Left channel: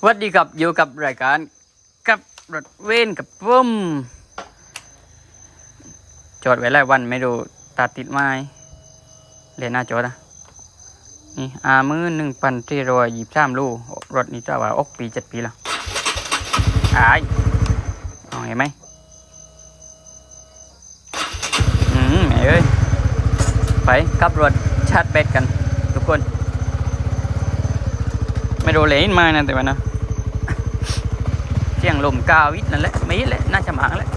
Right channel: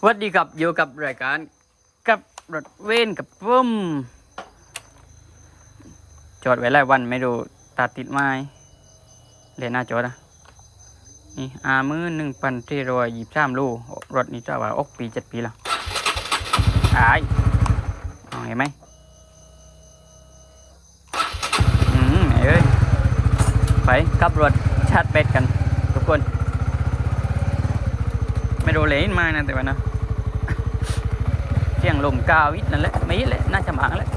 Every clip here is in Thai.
สวัสดีครับอยู่กับรายการกับรถเว้นกับปุ้มจอดไว้หลายวันไม่ดูตัดติดไม้เรียนหน้าจอนะนี่อามือหนึ่งพันที่รอยยี่สามลูกรถนี้จะว่าอกปีเจ็ดปีล้วอายเอาเห็นไหมอืมเอ้ยไปขับรถชาร์จแบตกัน ทุกคน ไม่รู้เลยมานะแต่ว่านะเสียงลมกาวิทนั่นแหละไม่แหละน่าจะหมางแหละ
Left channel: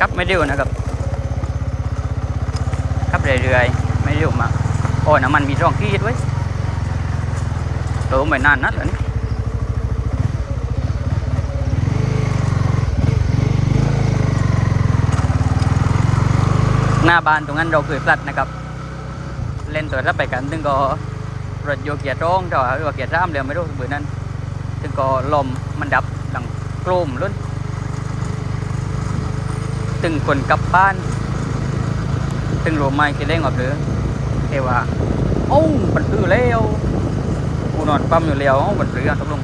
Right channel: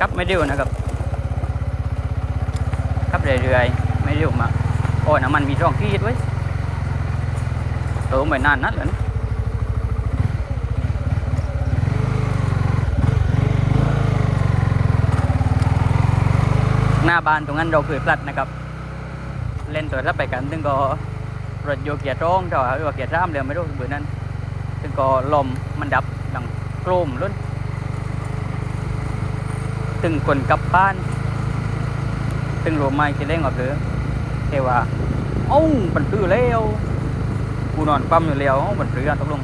กลับไม่เร็วนะครับกลับเรื่อยๆไม่เร็วมากโอ้น้ำมันมีร่องขีดไว้ยโตไม่นานนัดแล้วนี่หน้าบ้านตรงนั้นเราเคยพลัดนะครับ เล่นตัวรับไปกันถึงก็ รถโยกเกียร์ร้องแต่ว่าเกียร์ร่ามเร็วไม่รู้เบื่อนั้นถึงก็ลมมันดับดังโกรมลุ้นตึงคนกลับบ้าน ตึงโรไม้คิดเล่งออกหรือเทว่าโอ้าบันตื้อแล้วกูนอนคว่ำอยู่แล้วเอ้าบันตื้อตกลง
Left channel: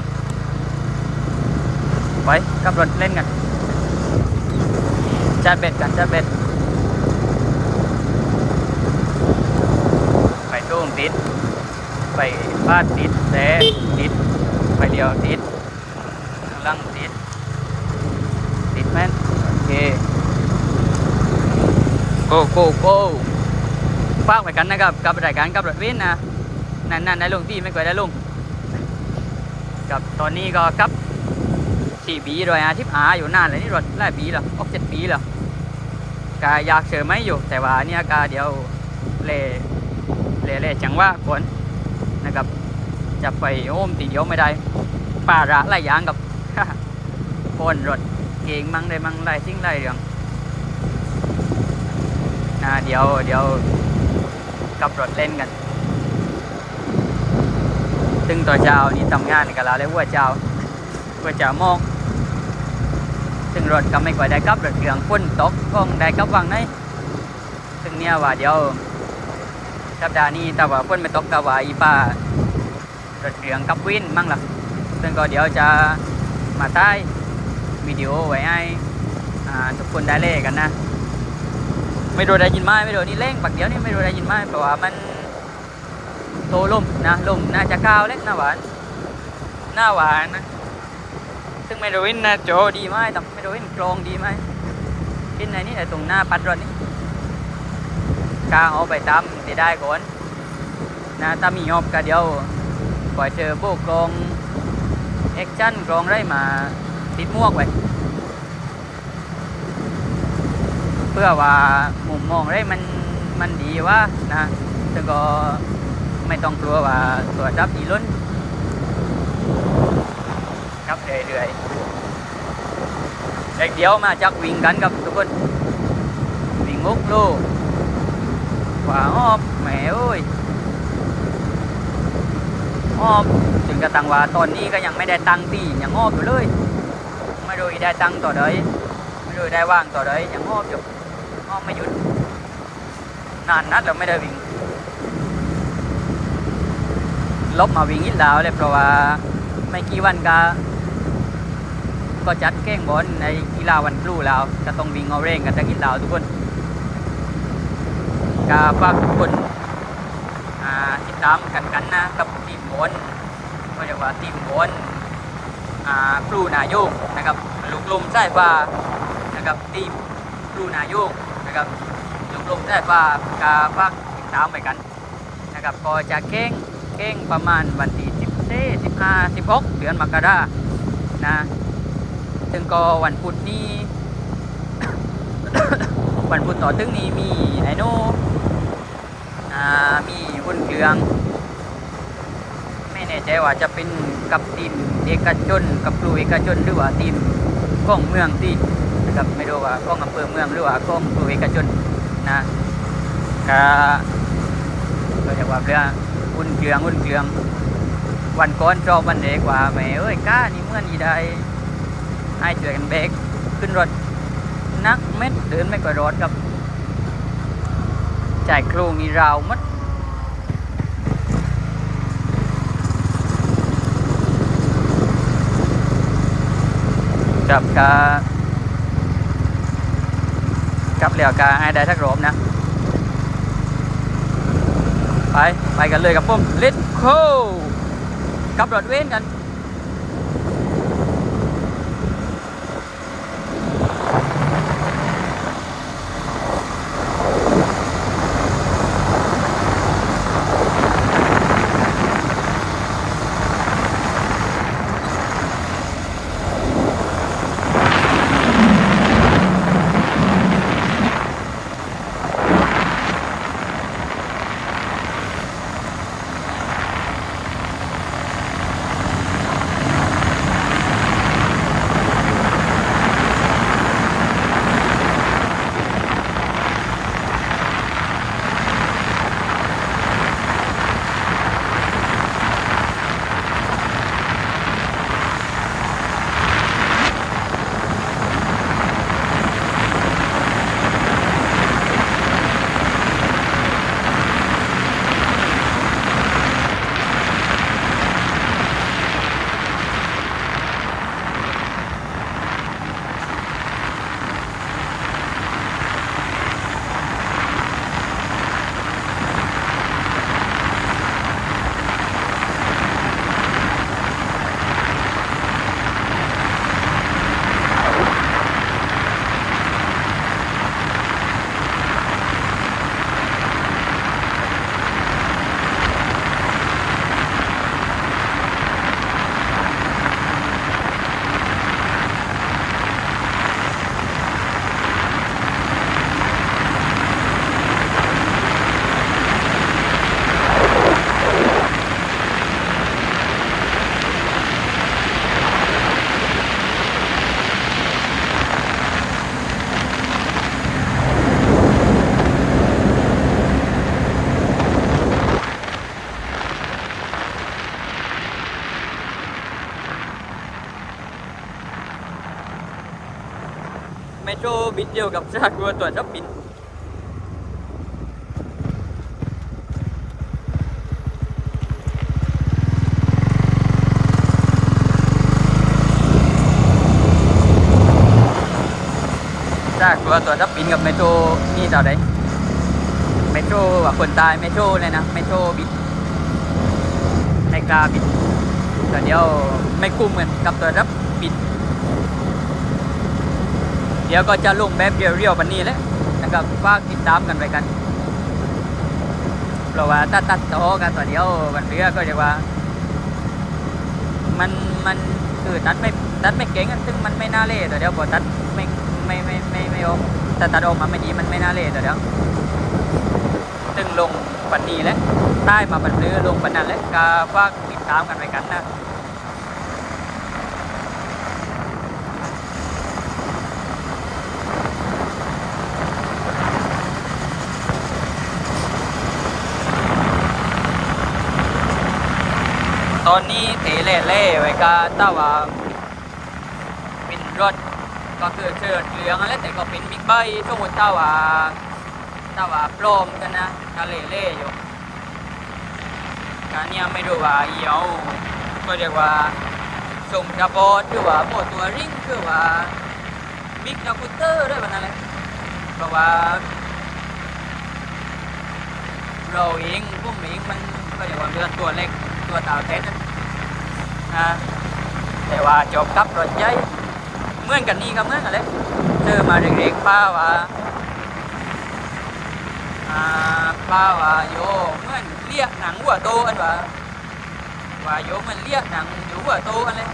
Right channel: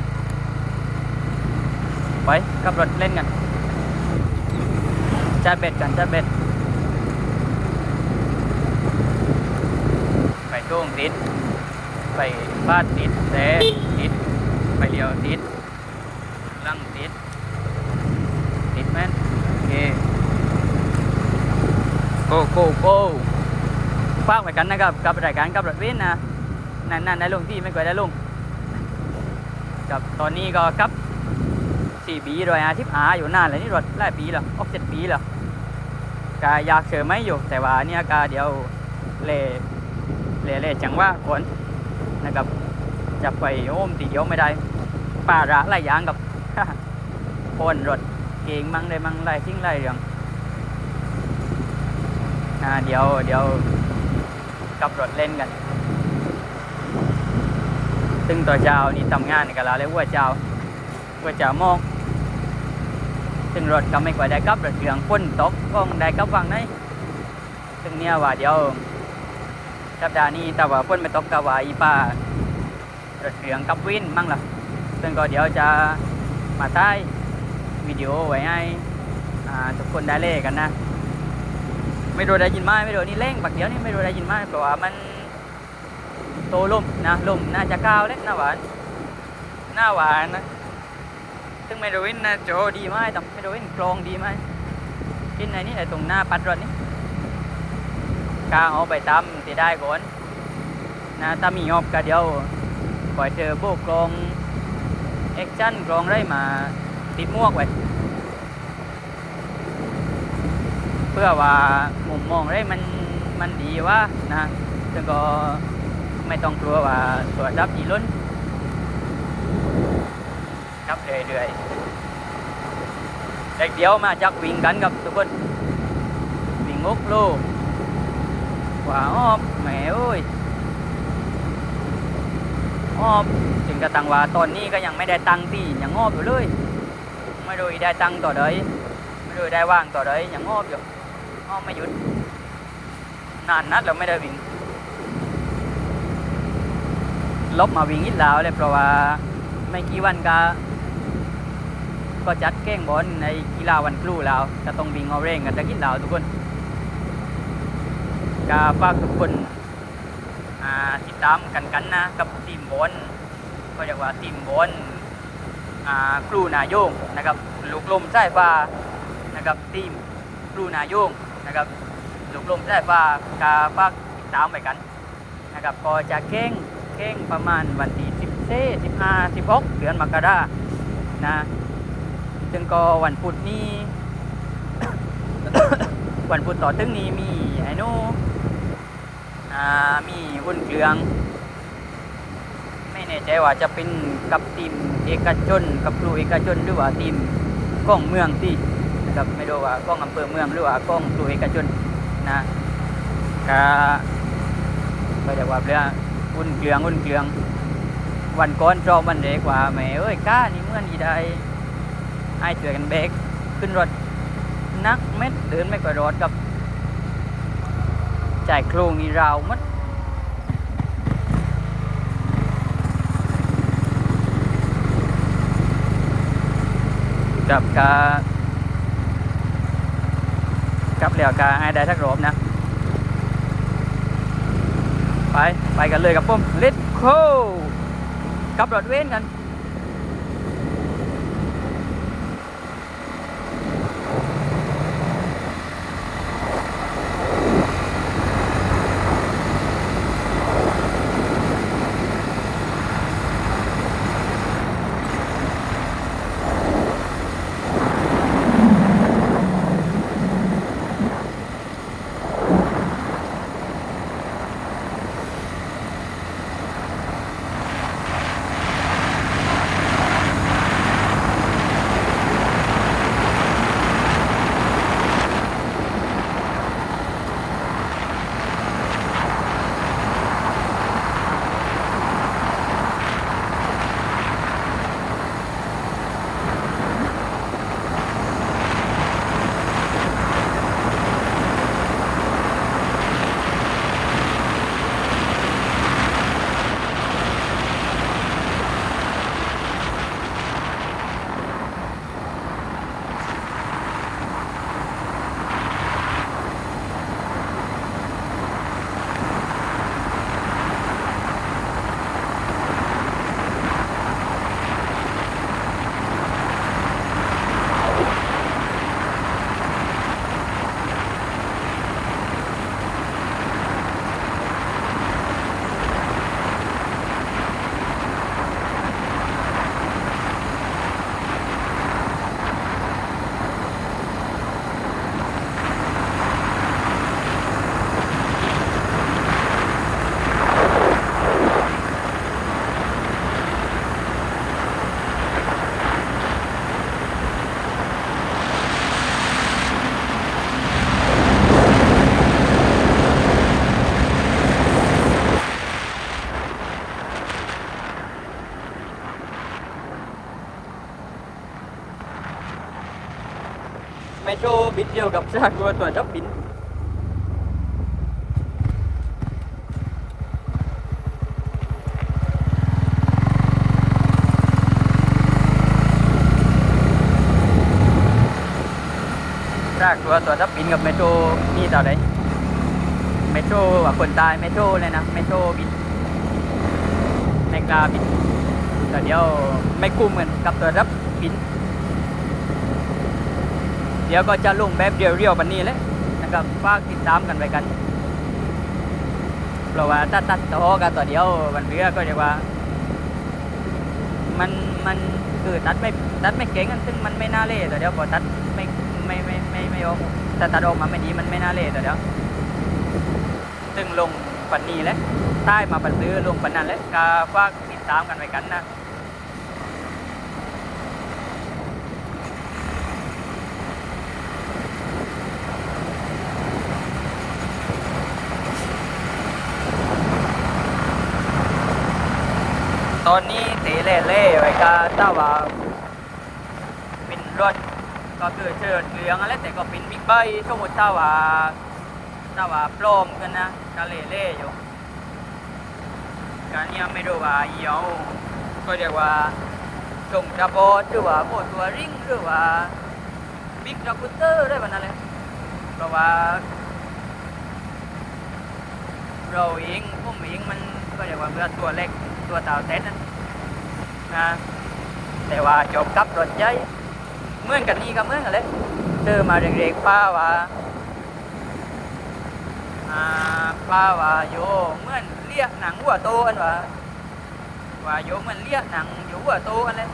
ไปกับรถเล่นกันจัดเบ็ดกันจัดเบ็ดไปช่วงติด ไปบ้านติดแต่ติดไปเดียวติดลังติด ติดแมนโอเคโกโกโกฝากไว้กันนะครับกับรายการกับรถเว้นนะนั่นนั่นได้ลงที่ไม่เคยได้ลงกับตอนนี้ก็ครับสี่ปีโดยอาทิตย์อาอยู่นานเลยนี่รถหลายปีแล้วออกเจ็ดปีแล้วก็อยากเจอไหมอยู่ แต่ว่าเนี่ยก็เดี๋ยวเล่เล่เล่จังว่าก่อน นะครับจะไปโอ้มตีเดียวไม่ได้ป่าระหลายอย่างกับปนรถเก่งมั่งได้มั่งไรทิ้งไรเรื่องนะเดี๋ยวเดี๋ยวกับรถเล่นกัน ซึ่งตัวเจ้านี่ทำงานกับเราเลยว่าเจ้าว่าเจ้ามองซึ่งรถก็ไม่ค่อยได้กับรถเครื่องฝนตกก็ได้กับวังไหนซึ่งเนี่ยว่าเดี๋ยว สัปดาห์นี้แต่ว่าฝนไม่ตกก็ว่าอีป้ารถเรืองกับวินมั่งล่ะซึ่งก็เดี๋ยวจะมาใต้วิดีโอไว้ให้ทุกคนได้เล่กันนะ ไม่รู้ได้ยินไหมไม่รู้นี่เร่งปักเดียวนี่ไม่รู้ได้ยินไหมเพราะว่ามันโตลุ่มนะลุ่มน่าจะก้าวเล็กหน้าหวานหน้าหวานนะซึ่งไม่รู้วินนะโจดีไหมแต่ไม่รู้วินกรองดีไหมกินไหนนี่ไอ้ตรงหน้าปัดรถนี่ กางเอาไปตำตีได้ก่อนนะถ้ามีงบก็เดียวก่อยเจอโบกกองแอคชั่นกรองไรมาติดมวกไว้เพื่อว่ามุมมองไรมันมันดีว่านะซึ่งก็ไม่ต้องกลัวว่าตัวรับอีล้นครับเรื่อยๆเด็กเดียวมาจากวิ่งกันกับทุกคนวิ่งมุกลูก ว่าอ้อบแหมเอ้ยอ้อมถึงกระตังว่าตอนนี้ก็ยังไม่ได้ตังตียังงอบอยู่เลย ไม่รู้ได้ตังต่อใดไม่รู้ได้ว่างต่อใดยังงอบอยู่อ้อมไม่หยุดนานนัดเราไม่ได้วิ่งลบมาวิ่งอีกแล้วเลยเพราะว่าไม่กี่วันก็ก็จัดแข่งบอลในกีฬาวันครูแล้วก็ต้องวิ่งเอาเร่งกันจะกินแล้วทุกคน ก็ฝากทุกคนติดตามกันกันนะกับทีมบอลก็เรียกว่าทีมบอลครูนาโยงนะครับลูกลมใต้ฟ้านะครับทีมครูนาโยงนะครับลูกลมใต้ฟ้ากาฝากติดตามไปกันนะครับก็จะเข่งเข่งประมาณวันที่สิบเสิบห้าสิบหกเดือนมกรานะซึ่งก็วันพุธนี้ วันพุธต่อตึงนี้มีไอโน่ มีหุ้นเครือง ไม่แน่ใจว่าจะเป็นกับทีมเอกชน กับครูเอกชนหรือว่าทีมกล้องเมืองที่นะครับไม่รู้ว่ากล้องอำเภอเมืองหรือว่ากล้องครูเอกชนนะก็ก็เรียกว่าเรื่องหุ้นเครืองหุ้นเครือง วันก่อนจองวันเด็กว่าแม่เอ้ยก้านี่เมื่อนอีได้ให้ช่วยกันเบรกขึ้นรถนักเม็ดเดินไม่ก่อยรถกับ จ่ายโครงนี่ราวมัดกับกากับเหลียวกาไอ้ได้ทักรอบนะ ไป ไปกันเลยกับปุ่ม let's go กับรถเว้นกัน คนตายเมโทรเลยนะเมโทรบินไม่กล้าบินแต่เดี๋ยวไม่คุ้มเหมือนกับตัวทับบิน เดี๋ยวก็จะลงแบบเรียวๆปันนี้แหละนะครับฝากติดตามกันไว้กัน เพราะว่าถ้าตัดต่อกันต่อเดียววันเรือก็เรียกว่า มันมันคือตัดไม่ตัดไม่เก่งกันซึ่งมันไม่น่าเล่ต่อเดียวพอตัดไม่ไม่ไม่ไม่ไม่ออกแต่ตัดออกมาไม่ดีมันไม่น่าเล่ต่อเดียวซึ่งลงปันนี้แหละใต้มาปันเรือลงปันนั้นแหละก็ฝากติดตามกันไว้กันนะ อนนี้เตเล่เล่ไว้ก็ถ้าว่าเป็นรถก็คือเชิดเหลืองอะไรแต่ก็เป็นบิ๊กไบค์สมมติถ้าว่าถ้าว่าปลอมกันนะก็เล่เล่อยู่การเนี้ยไม่รู้ว่าเอียวก็เรียกว่าส่งกระบอดหรือว่าโมตัวริงคือว่าบิ๊กนาคูเตอร์ได้แบบนั้นเลยเพราะว่า เราเองพวกเองมันก็เรียกว่าเรือตัวเล็กตัวเต่าเต้นนั่น นะแต่ว่าจบกับรถใหญ่เมื่อนกันนี่ก็เมื่อนกันเลยเจอมาเด็กๆป้าว่าอ่าป้าว่าโยเมื่อนเลี้ยหนังวัวโตอันว่าว่าโยเมื่อนเลี้ยหนังอยู่วัวโตอันเลย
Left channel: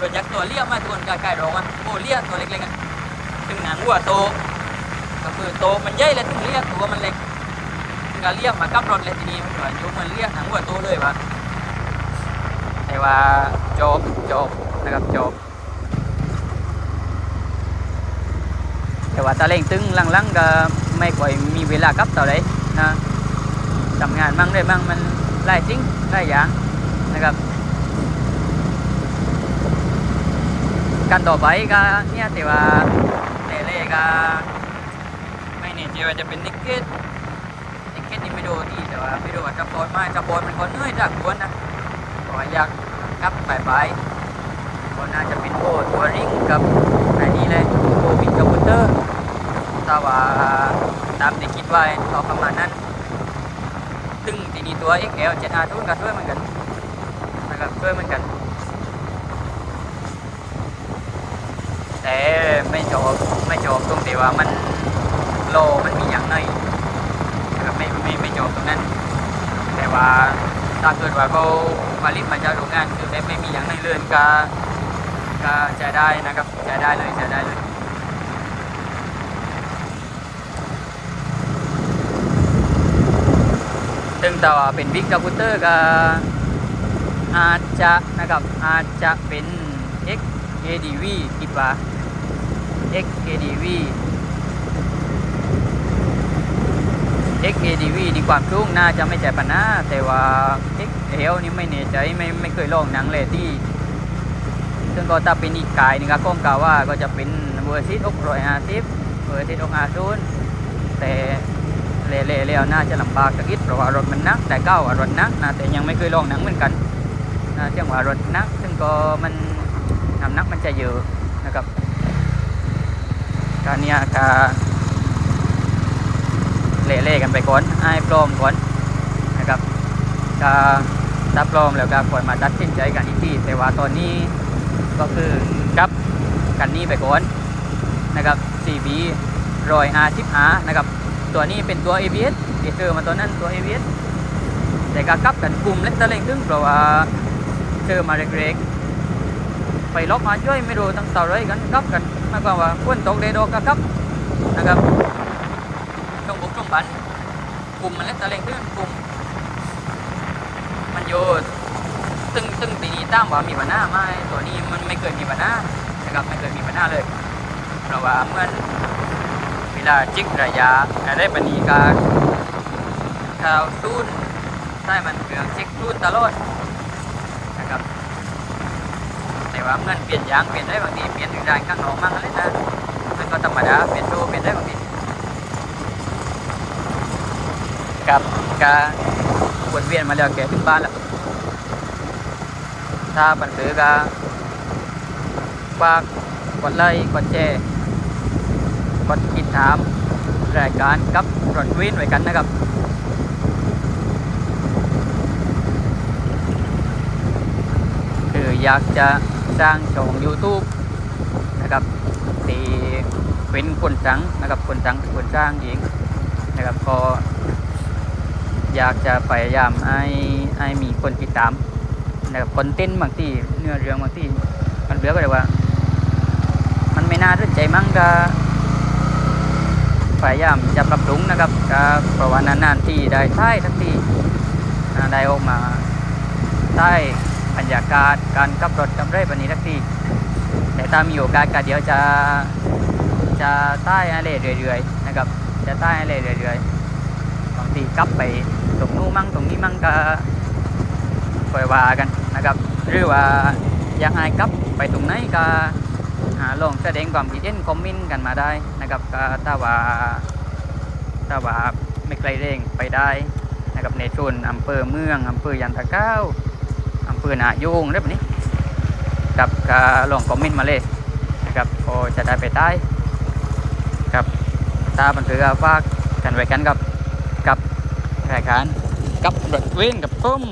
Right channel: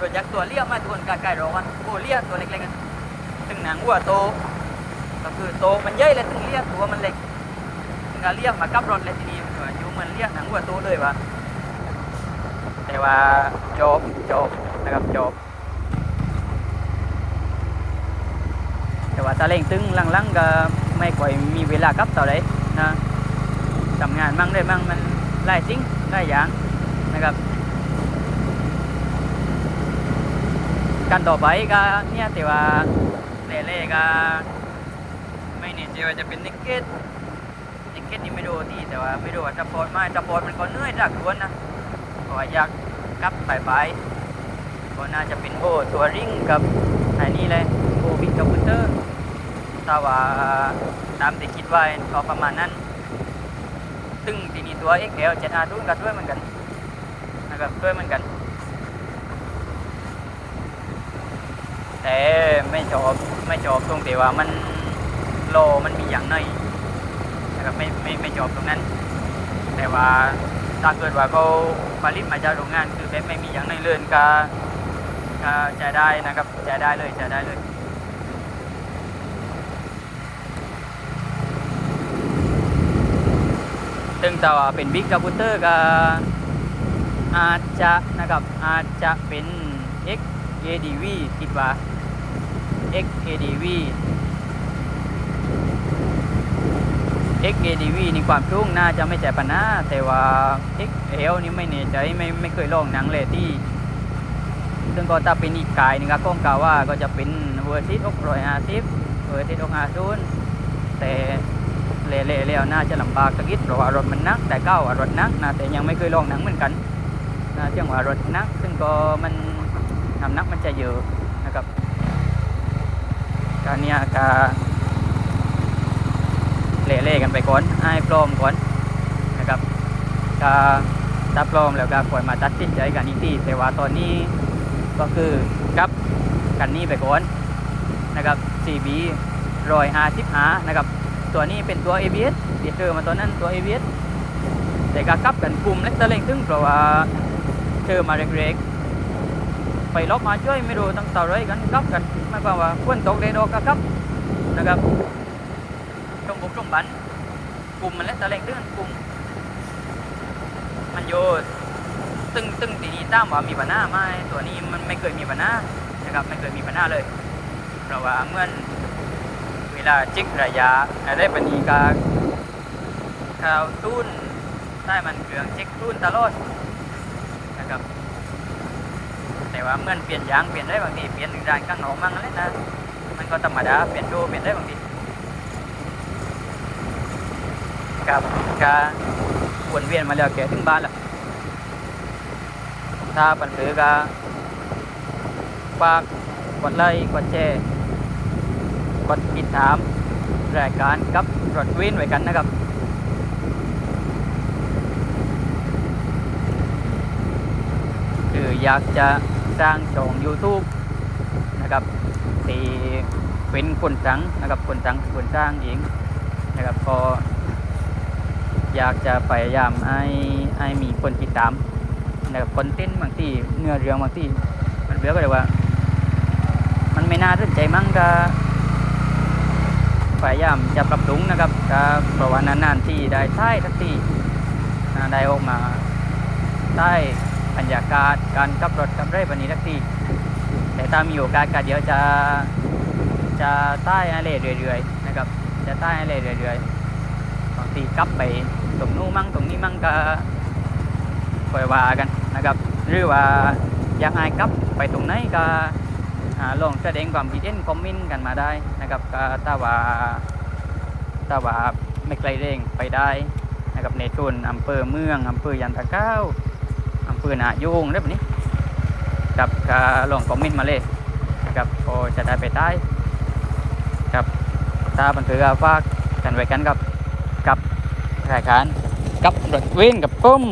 รถยักษ์ตัวเลี้ยมาทุกคนกายๆรองมันโอ้เลี้ยตัวเล็กๆอะถึงหนังวัวโตก็คือโตมันใหญ่เลยถึงเลี้ยตัวมันเล็กมันก็เรียมากับรถเลยทีนี้มันว่าอยู่เมื่อนเรียหนังวัวโตเลยวะ แต่ว่าจบจบนะครับจบ แต่ว่าตาเล่งตึงลังๆก็ไม่ค่อยมีเวลากับต่อเลยนะทำงานมั่งได้มั่งมันไล่จริงไล่อย่างนะครับกันต่อไปก็เนี่ยแต่ว่าแต่เล่ก็ไม่แน่ใจว่าจะเป็นนิกเก็ตในเคสนี้ไม่ดูที่แต่ว่าไม่ดูว่าสปอร์ตไม่สปอร์ตมันก็เหนื่อยจากล้วนนะเพราะอยาก กับบ่ายๆก็น่าจะเป็นโบตัวริงกับไอ้นี่เลยโบบิ๊กคอมพิวเตอร์ถ้าว่าตามที่คิดไว้ก็ประมาณนั้น ซึ่งทีนี้ตัว XL 7R ทุนก็ช่วยเหมือนกันนะครับช่วยเหมือนกัน แต่ไม่ชอบไม่ชอบตรงที่ว่ามันโลมันมีอย่างหน่อยนะครับไม่ไม่ไม่ชอบตรงนั้น แต่ว่าถ้าเกิดว่าเขา ผลิตมาจากโรงงานคือแบบไม่มีอย่างหน่อยเลยก็ก็จะได้นะครับจะได้เลยจะได้เลยซึ่งแต่ว่าเป็นบิ๊กคอมพิวเตอร์ก็อาจจะนะครับอาจจะเป็น XADV คิดว่า XADV XADV นี่ความสูงน่าจะไม่ใช่ปัญหาแต่ว่า XL นี่ไม่แน่ใจไม่ไม่เคยลองหนังเลยที่ ซึ่งก็ถ้าเป็นอีกกายนึงก็ก้องกล่าวว่าก็จะเป็นเวอร์ซิตอกรอยอาทิเวอร์ซิตอกอาซูนแต่เละๆแล้วน่าจะลำบากสักนิดเพราะว่ารถมันนัก แต่เก้าว่ารถนักนะแต่ยังไม่เคยลองหนังเหมือนกันนะเที่ยงว่ารถนัก ซึ่งก็มันน้ำหนักมันจะเยอะนะครับการเนี้ยก็ เละๆกันไปก่อนให้ปลอมก่อนนะครับก็ถ้าปลอมแล้วก็ควรมาตัดสินใจกันอีกทีแต่ว่าตอนนี้ก็คือกับกันนี้ไปก่อนนะครับ CB ร้อย R10R นะครับ ตัวนี้เป็นตัว ABS ที่เจอมาตอนนั้นตัว ABS แต่ก็กลับกันกลุ่มเล็กตะเล็งตึงเพราะว่าเจอมาเร็กๆไปล็อกมาช่วยไม่รู้ตั้งเต่าไรกันกลับกันมายควาว่าฝนตกเดโดก็กลับนะครับ งบุกตรงบันกลุ่มมันเล็กตะเล็งตึงกลุ่ม มันโยตึงตึงตีนี้ตามว่ามีปัญหาไหมตัวนี้มันไม่เคยมีปัญหานะครับไม่เคยมีปัญหาเลย เพราะว่าเมื่อเวลาจิกระยะอะไรปานนีกาข่าวตุ้นใต้มันเครื่องจิกตุ้นตลอดนะครับ แต่ว่าเมื่อเปลี่ยนยางเปลี่ยนได้บางทีเปลี่ยนหนึ่งด้านข้างนอกมั่งอะไรนะมันก็ธรรมดาเปลี่ยนโชว์เปลี่ยนได้บางที กับกวนเวียนมาแล้วแกถึงบ้านแล้ว ถ้าปันซื้อก็ฝากกดไลค์กดแชร์กดติดตามรายการกับรถวินไว้กันนะครับคืออยากจะสร้างช่อง YouTube นะครับที่เป็นคนสังนะครับคนสังคนสร้างเองนะครับก็ อยากจะพยายามให้ให้มีคนติดตามนะครับคอนเทนต์บางที่เนื้อเรื่องบางที่มันเรียกว่าอะไรว่า มันไม่น่าสนใจมั้งก็พยายามจะปรับปรุงนะครับจะเพราะว่านานๆที่ได้ใช้ทักที่ได้ออกมาใช้บรรยากาศการขับรถกับไรแบบนี้ทักทีแต่ถ้ามีโอกาสก็เดี๋ยวจะจะใต้อะไรเรื่อยๆนะครับ จะใต้อะไรเรื่อยๆบางทีกลับไป ตรงนู้นมั่งตรงนี้มั่งก็คอยว่ากันนะครับหรือว่าอยากให้กลับไปตรงไหนก็ลองแสดงความคิดเห็นคอมเมนต์กันมาได้นะครับก็ถ้าว่าถ้าว่าไม่ไกลเร่งไปได้นะครับในชนอำเภอเมืองอำเภอยันตะเก้าอำเภอนาโยงได้แบบนี้ครับก็ลองคอมเมนต์มาเลยนะครับก็จะได้ไปใต้ครับถ้าบันทึกฝากกันไว้กันกับกับ รายการกับรถเว้นกับปุ้ม